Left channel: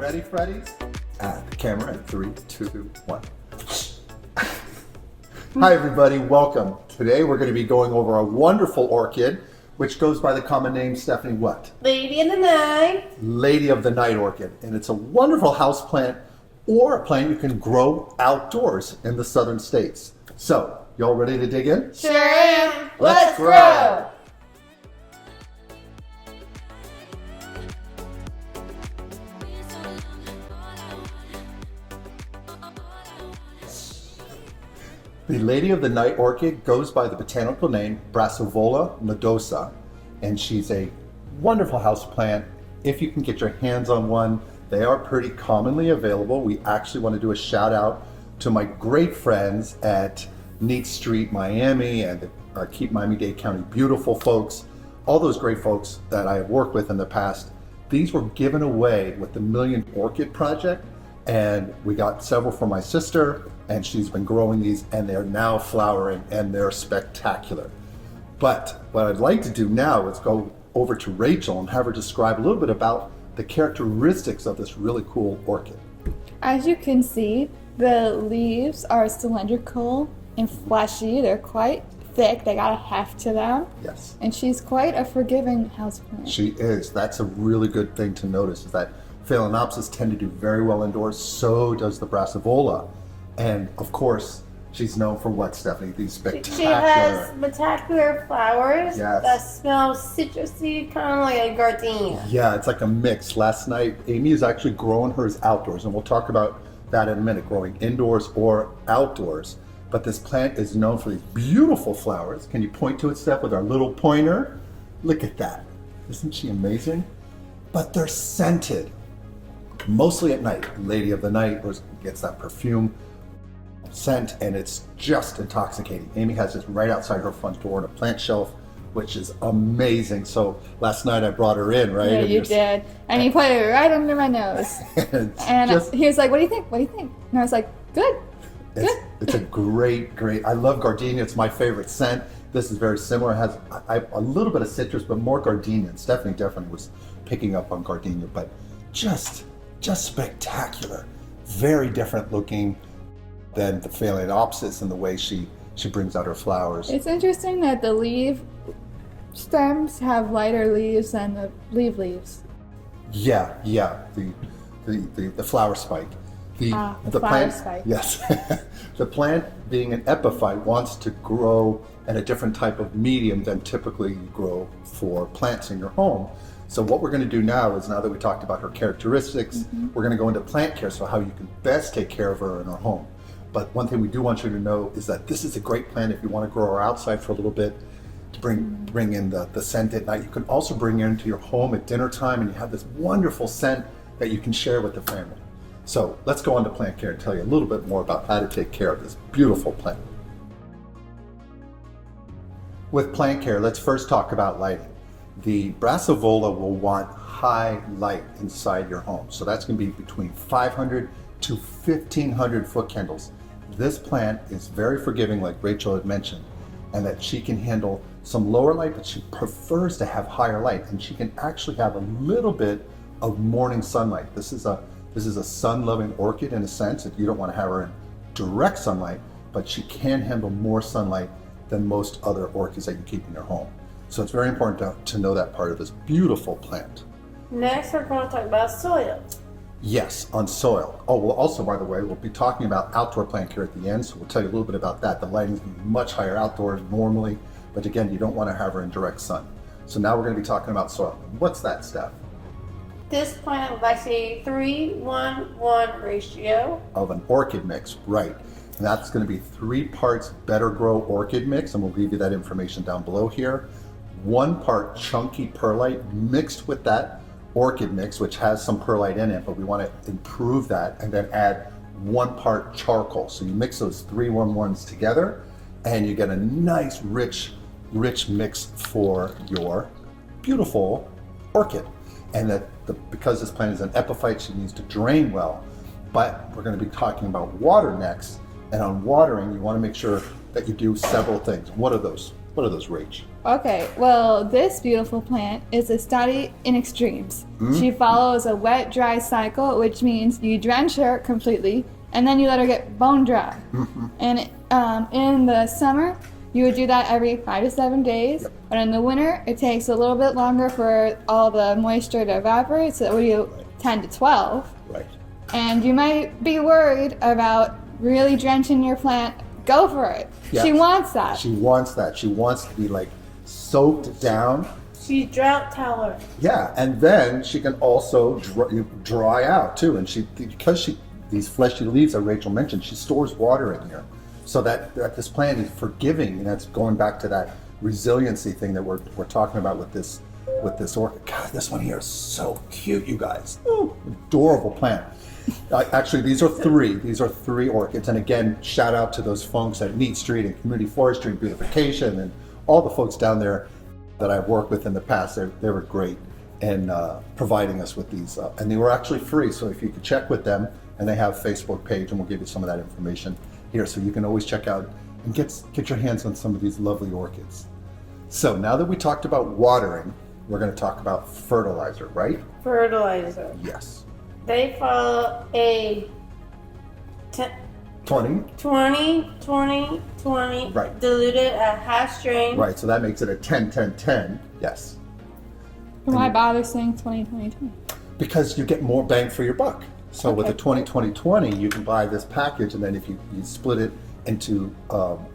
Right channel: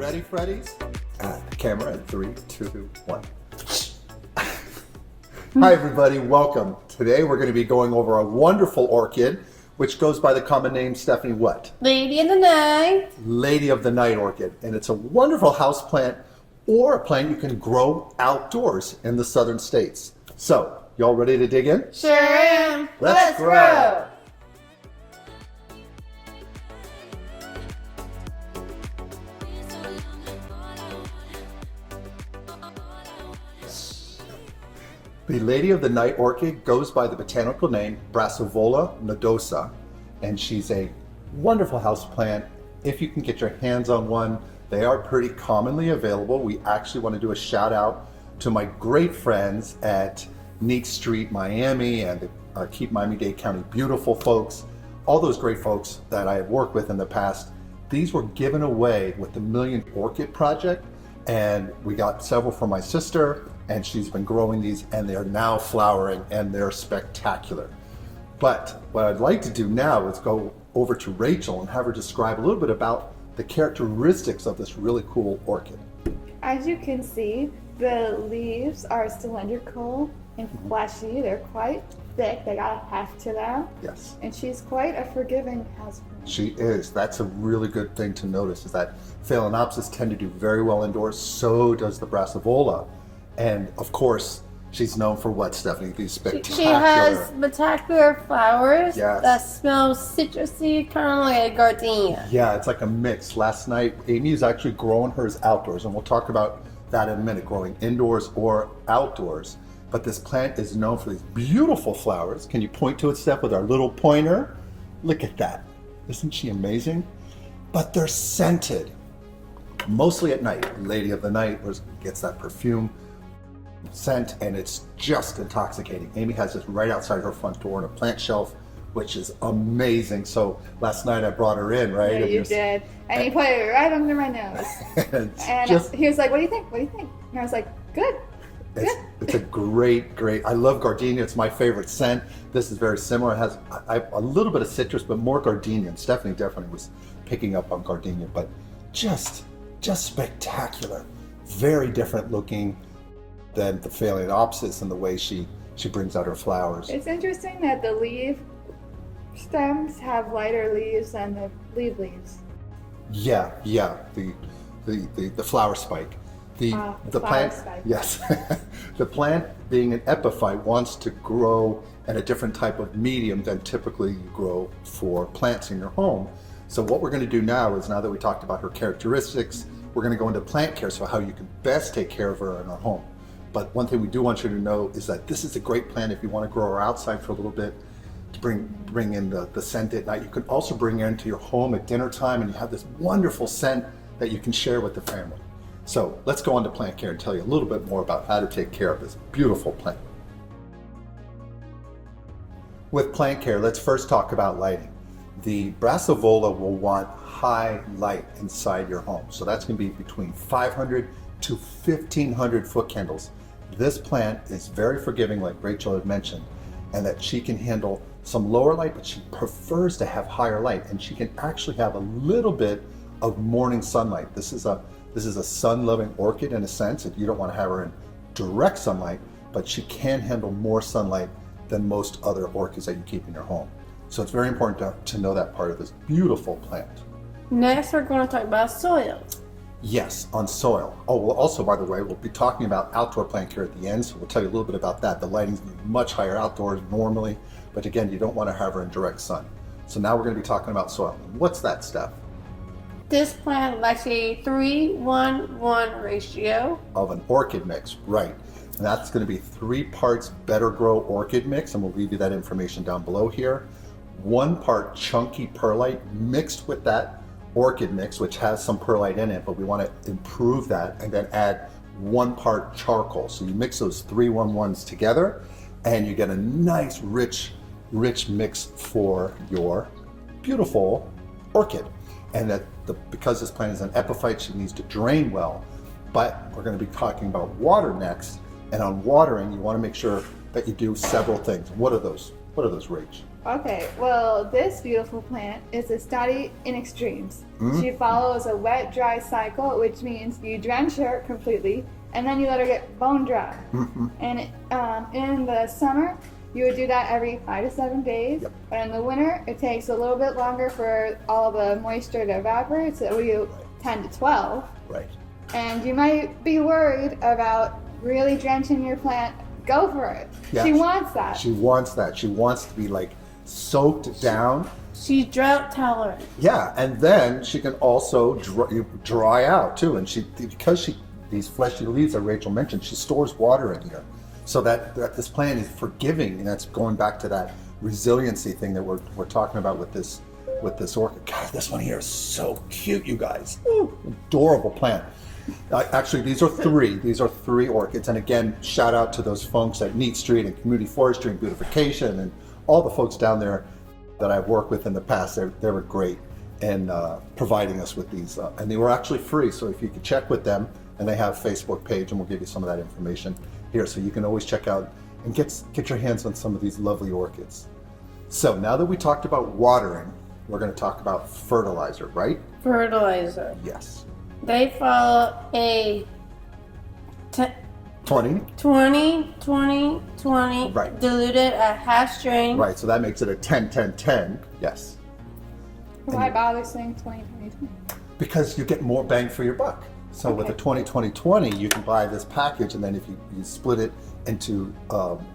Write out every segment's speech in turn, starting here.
Ready, Freddies? The camera in 3, 2, 1. Hi everybody, welcome. Today we're going to be going over a wonderful orchid, which goes by the common name, Stephanie, what? Lady in the Night. Lady of the Night orchid. And it's a wonderful house plant or a plant you can grow outdoors in the southern states. So, y'all ready to dig in? Sure am. Let's grow. The Lady of the Night orchid goes by the botanical name Brassovola nodosa, and she's a wonderful house plant. If you can get your hands on one, they are pretty commonly available. We actually want to do a shout out to my great friends at Neat Street Miami and our Keep Miami-Dade County beautiful folks, all those great folks that I have worked with in the past. These were given away with the Million Orchid Project, and we got several for my sister, and she's been growing these, and they're now flowering, and they're spectacular. But what I'd like to do now is go over to Rachel and have her describe a little bit about the characteristics of this really cool orchid. As you can see, the leaves are cylindrical and fleshy. They're quite thick. They got a heft to them. Yes. And she's quite a forgiving houseplant. She is. That's a really good thing to notice, is that Phalaenopsis tend to do very well indoors. So does the Brassavola. And of course, she's known for what, Stephanie? These spectacular... She has spectacular flowers Yes. that smell citrusy, kind of like a gardenia. Yeah, it's like a mix. Last night, Amy is actually growing hers outdoors, and we'll talk about that in a minute, growing indoors or outdoors. But this plant is known for these beautiful flowers. Can you point to it, Steph, with our little pointer? Look at that. Isn't she amazing? But they're scented. Mostly at night. Lady of the Night gets that perfume scent, and it's just intoxicating. Amy has this right outside her front door on a plant shelf, which is amazing. So last night I brought her in, right? Yeah, you did. And you put it right under my nose. And he was like, what do you think? What do you think? And I was like, good. It's a great, I love gardenia. It's my favorite scent. This is very similar. It has a little bit of citrus, but more gardenia. And Stephanie definitely was picking up on gardenia, but just spectacular. Very different looking than the Phalaenopsis in the way she brings out her flowers. It's interesting that the leaf stems have lighter leaves than the leaves. Yeah, the flower spike. The flower plant, spike. Yes. The plant, being an epiphyte, wants to grow in a different type of medium than typically you grow for plants in your home. So what we're going to do now is, now that we talked about her characteristics, we're going to go into plant care, so how you can best take care of her in her home. But one thing we do want you to know is that this is a great plant if you want to grow her outside for a little bit, to bring in the scent at night. You can also bring her into your home at dinner time, and you have this wonderful scent that you can share with the family. So let's go on to plant care and tell you a little bit more about how to take care of this beautiful plant. With plant care, let's first talk about lighting. The Brassavola will want high light inside your home. So that's going to be between 500 to 1,500 foot candles. This plant is very forgiving, like Rachel had mentioned, and that she can handle some lower light, but she prefers to have higher light, and she can actually have a little bit of morning sunlight. This is a sun-loving orchid in a sense. If you don't want to have her in direct sunlight, but she can handle more sunlight than most other orchids that you keep in your home. So it's very important to know that part of this beautiful plant. Next, we're going to talk about soil. Yes, on soil. Oh, well, also, by the way, we'll be talking about outdoor plant care at the end, so we'll tell you a little bit about that. The lighting's going to be much higher outdoors normally, but again, you don't want to have her in direct sun. So now we're going to be talking about soil. What's that, Steph? This plant likes a 3-1-1 ratio. Of an orchid mix, right. And that's going to be 3 parts Better Grow orchid mix, and we'll give you that information down below here. 1 part chunky perlite mixed with that orchid mix, which has some perlite in it, but we want to improve that, and then add 1 part charcoal. So you mix those 3-1-1s together, and you get a nice, rich mix for your beautiful orchid. And because this plant is an epiphyte, she needs to drain well. But we're going to be talking about water next, and on watering, you want to make sure that you do several things. What are those, Rach? Okay, well, this beautiful plant is a study in extremes. She follows a wet-dry cycle, which means you drench her completely, and then you let her get bone dry. And in the summer, you would do that every 5 to 7 days. Yep. But in the winter, it takes a little bit longer for all the moisture to evaporate, so we do 10 to 12. Right. And you might be worried about really drenching your plant. Go for it. Yeah. She wants that. She wants that. She wants to be like soaked down. She's drought tolerant. Yeah, and then she can also dry out too. And because these fleshy leaves that Rachel mentioned, she stores water in here, so that this plant is forgiving. And that's going back to that resiliency thing that we're talking about with this orchid. God, this one here is so cute, you guys. Ooh, adorable plant. Actually, these are three orchids. And again, shout out to those folks at Neat Street and Community Forestry and Beautification and all the folks down there that I've worked with in the past. They were great in providing us with these. And they were actually free. So if you could check with them, and they have a Facebook page, and we'll give you some of that information here. So you can always check out and get your hands on some of these lovely orchids. So now that we talked about watering, we're going to talk about fertilizer, right? Fertilizer. Yes. They follow a 20. 20 Right. diluted at half strain. Right, so that makes it a 10-10-10. Yes. Why bother saying 20-20-20? Because you get more bang for your buck. So with Okay. the 20-20-20, you can buy this package, and then if you split it into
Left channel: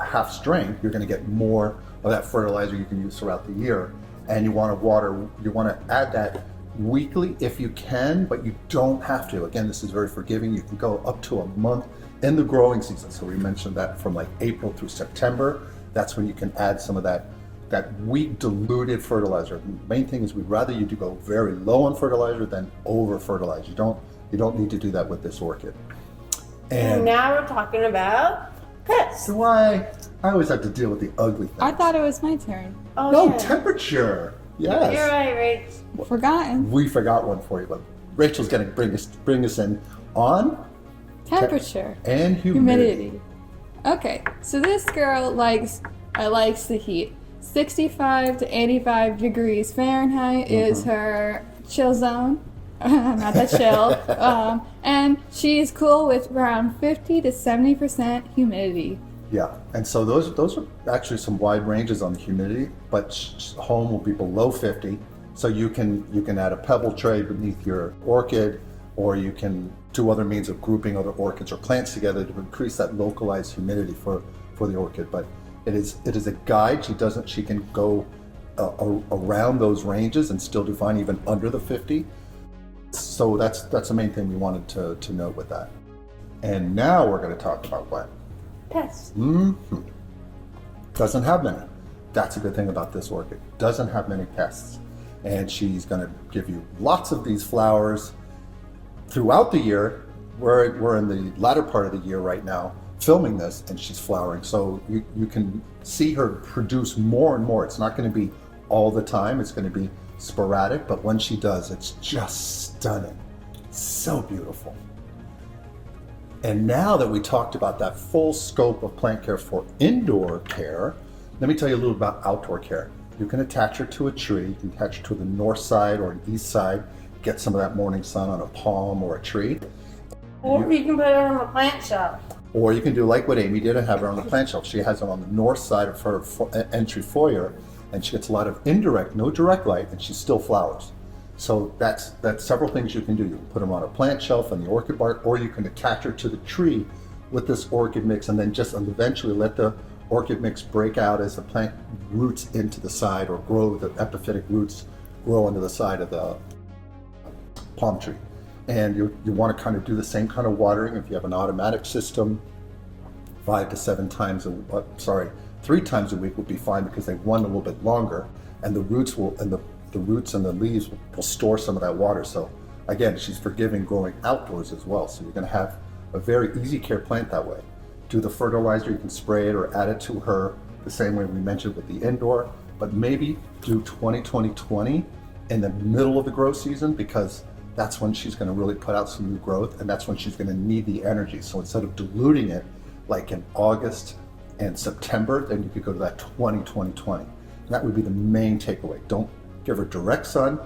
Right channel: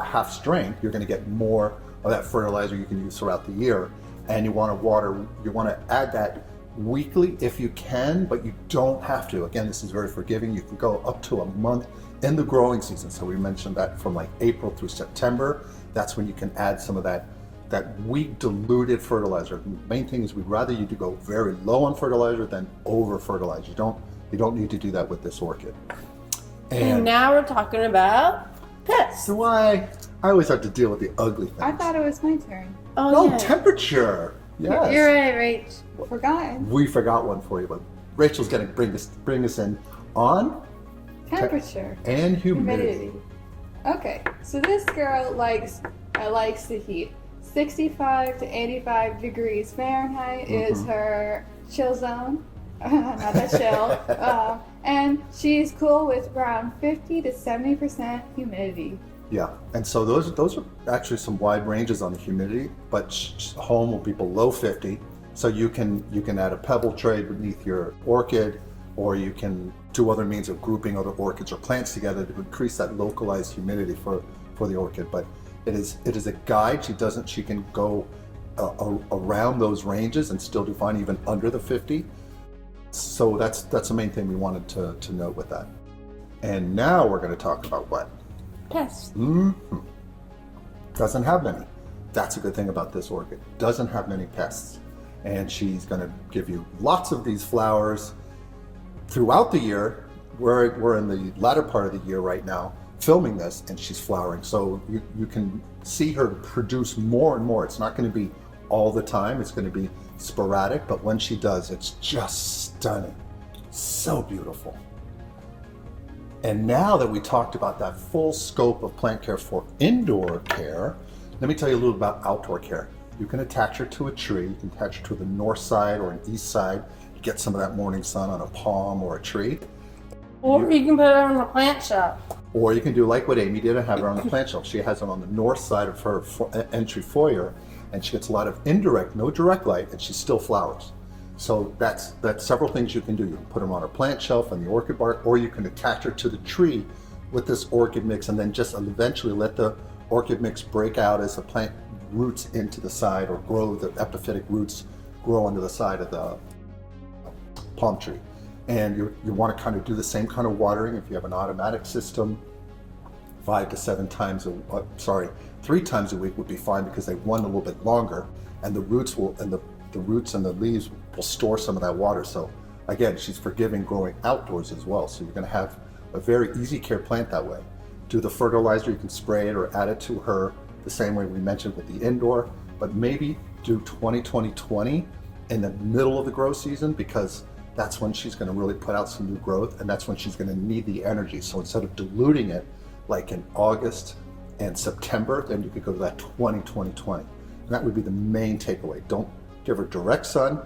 half strength, you're going to get more of that fertilizer you can use throughout the year. And you want to add that weekly if you can, but you don't have to. Again, this is very forgiving. You can go up to a month in the growing season. So we mentioned that from like April through September, that's when you can add some of that weak diluted fertilizer. The main thing is we'd rather you do go very low on fertilizer than over fertilize. You don't need to do that with this orchid. And now we're talking about pests. So I always have to deal with the ugly things. I thought it was my turn. Oh, No, yeah. temperature. Yes. You're right, Rach. Forgotten. We forgot one for you, but Rachel's going to bring us in on Temperature. and humidity. Okay, so this girl likes the heat. 65 to 85 degrees Fahrenheit is her chill zone. Not the chill. And she's cool with around 50 to 70% humidity. Yeah, and so those are actually some wide ranges on the humidity, but home will be below 50. So you can add a pebble tray beneath your orchid, or you can do other means of grouping other orchids or plants together to increase that localized humidity for the orchid. But it is a guide. She can go around those ranges and still do fine even under the 50. So that's the main thing we wanted to note with that. And now we're going to talk about what? Pests. Doesn't have many. That's a good thing about this orchid. Doesn't have many pests. And she's going to give you lots of these flowers throughout the year. We're in the latter part of the year right now filming this, and she's flowering. So you can see her produce more and more. It's not going to be all the time. It's going to be sporadic, but when she does, it's just stunning. So beautiful. And now that we talked about that full scope of plant care for indoor care, let me tell you a little about outdoor care. You can attach her to a tree. You can attach her to the north side or an east side, get some of that morning sun on a palm or a tree. Or you can put it on a plant shelf. Or you can do like what Amy did and have her on the plant shelf. She has it on the north side of her entry foyer, and she gets a lot of indirect, no direct light, and she still flowers. So that's several things you can do. You can put them on a plant shelf in the orchid bark, or you can attach her to the tree with this orchid mix, and then just eventually let the orchid mix break out as the plant roots into the side, or grow, the epiphytic roots grow into the side of the palm tree. And you want to kind of do the same kind of watering if you have an automatic system. 3 times a week would be fine, because they run a little bit longer, and the roots and the leaves will store some of that water. So again, she's forgiving growing outdoors as well. So you're going to have a very easy care plant that way. Do the fertilizer, you can spray it or add it to her the same way we mentioned with the indoor, but maybe do 20-20-20 in the middle of the grow season, because that's when she's going to really put out some new growth, and that's when she's going to need the energy. So instead of diluting it like in August and September, then you could go to that 20-20-20. That would be the main takeaway. Don't give her direct sun.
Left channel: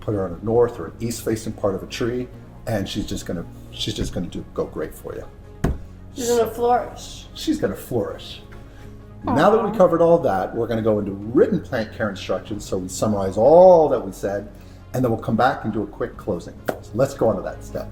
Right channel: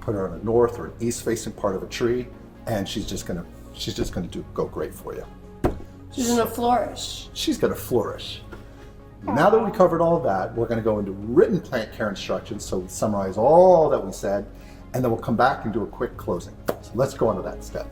Put her on a north or an east facing part of a tree, and she's just gonna go great for you. She's gonna flourish. She's gonna flourish. Now that we covered all that, we're gonna go into written plant care instructions. So we summarize all that we said, and then we'll come back and do a quick closing. So let's go on to that step.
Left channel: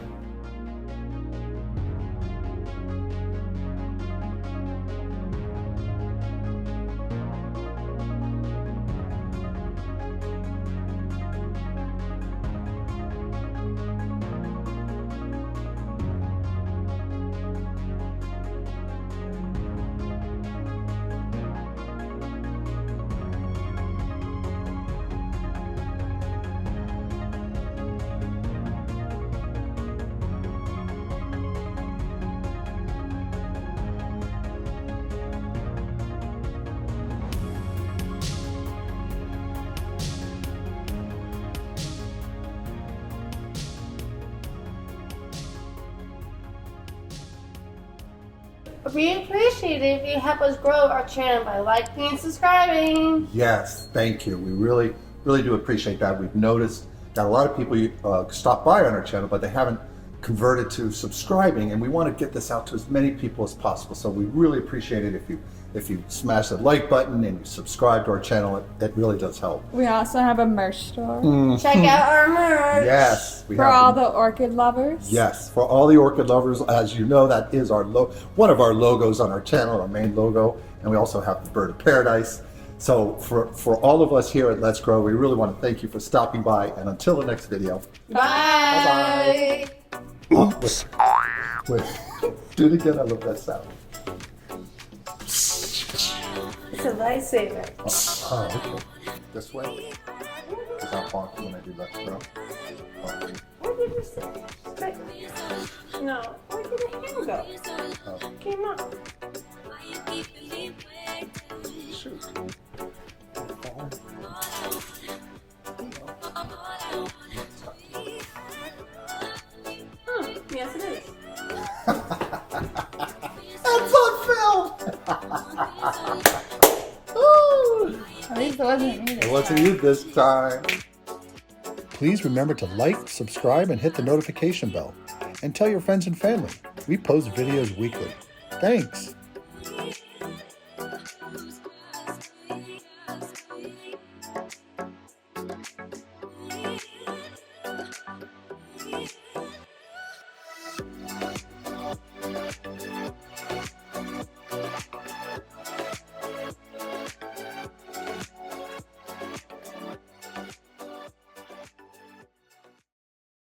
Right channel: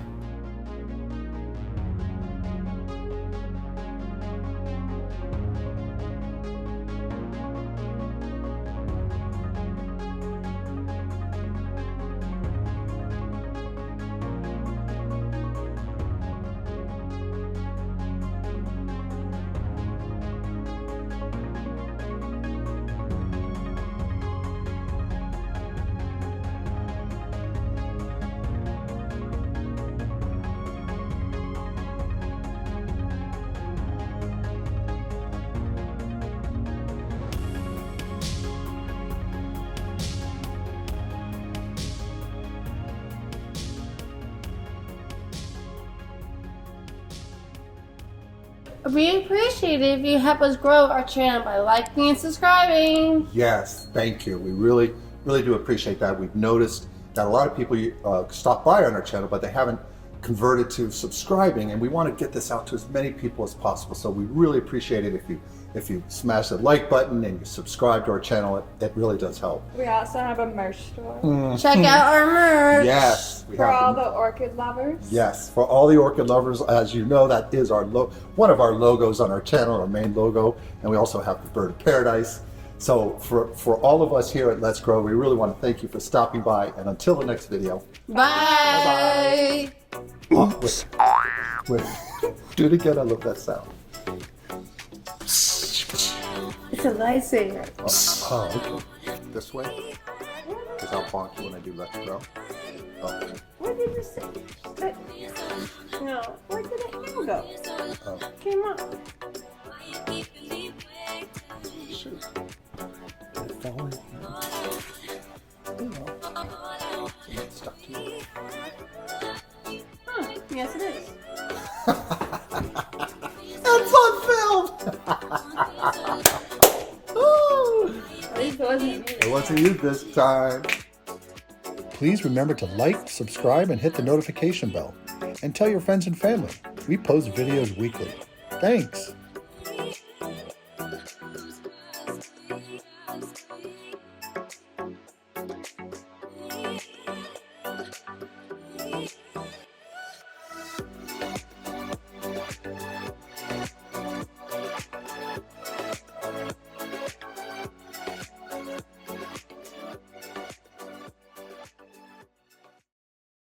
We appreciate it if you help us grow our channel by liking and subscribing. Yes, thank you. We really do appreciate that. We've noticed that a lot of people stop by on our channel, but they haven't converted to subscribing, and we want to get this out to as many people as possible. So we really appreciate it if you smash the like button and you subscribe to our channel. It really does help. We also have a merch store Check out our merch. Yes, we for have all them. the orchid lovers. Yes, for all the orchid lovers. As you know, that is our one of our logos on our channel, our main logo, and we also have the bird of paradise. So for all of us here at Let's Grow, we really want to thank you for stopping by, and until the next video. Bye. Oops. Wait, do it again. I love that sound. It's a lifesaver. Oh, okay. This way? Because I'll bonk you when I do Let's Grow. Oh. Where did the stick? No. Where did the hand go? Oh. Came up. Shoot. Stop. Yes, it is. That's on film! At least it wasn't me. It wasn't you this time. Please remember to like, subscribe, and hit the notification bell. And tell your friends and family. We post videos weekly. Thanks.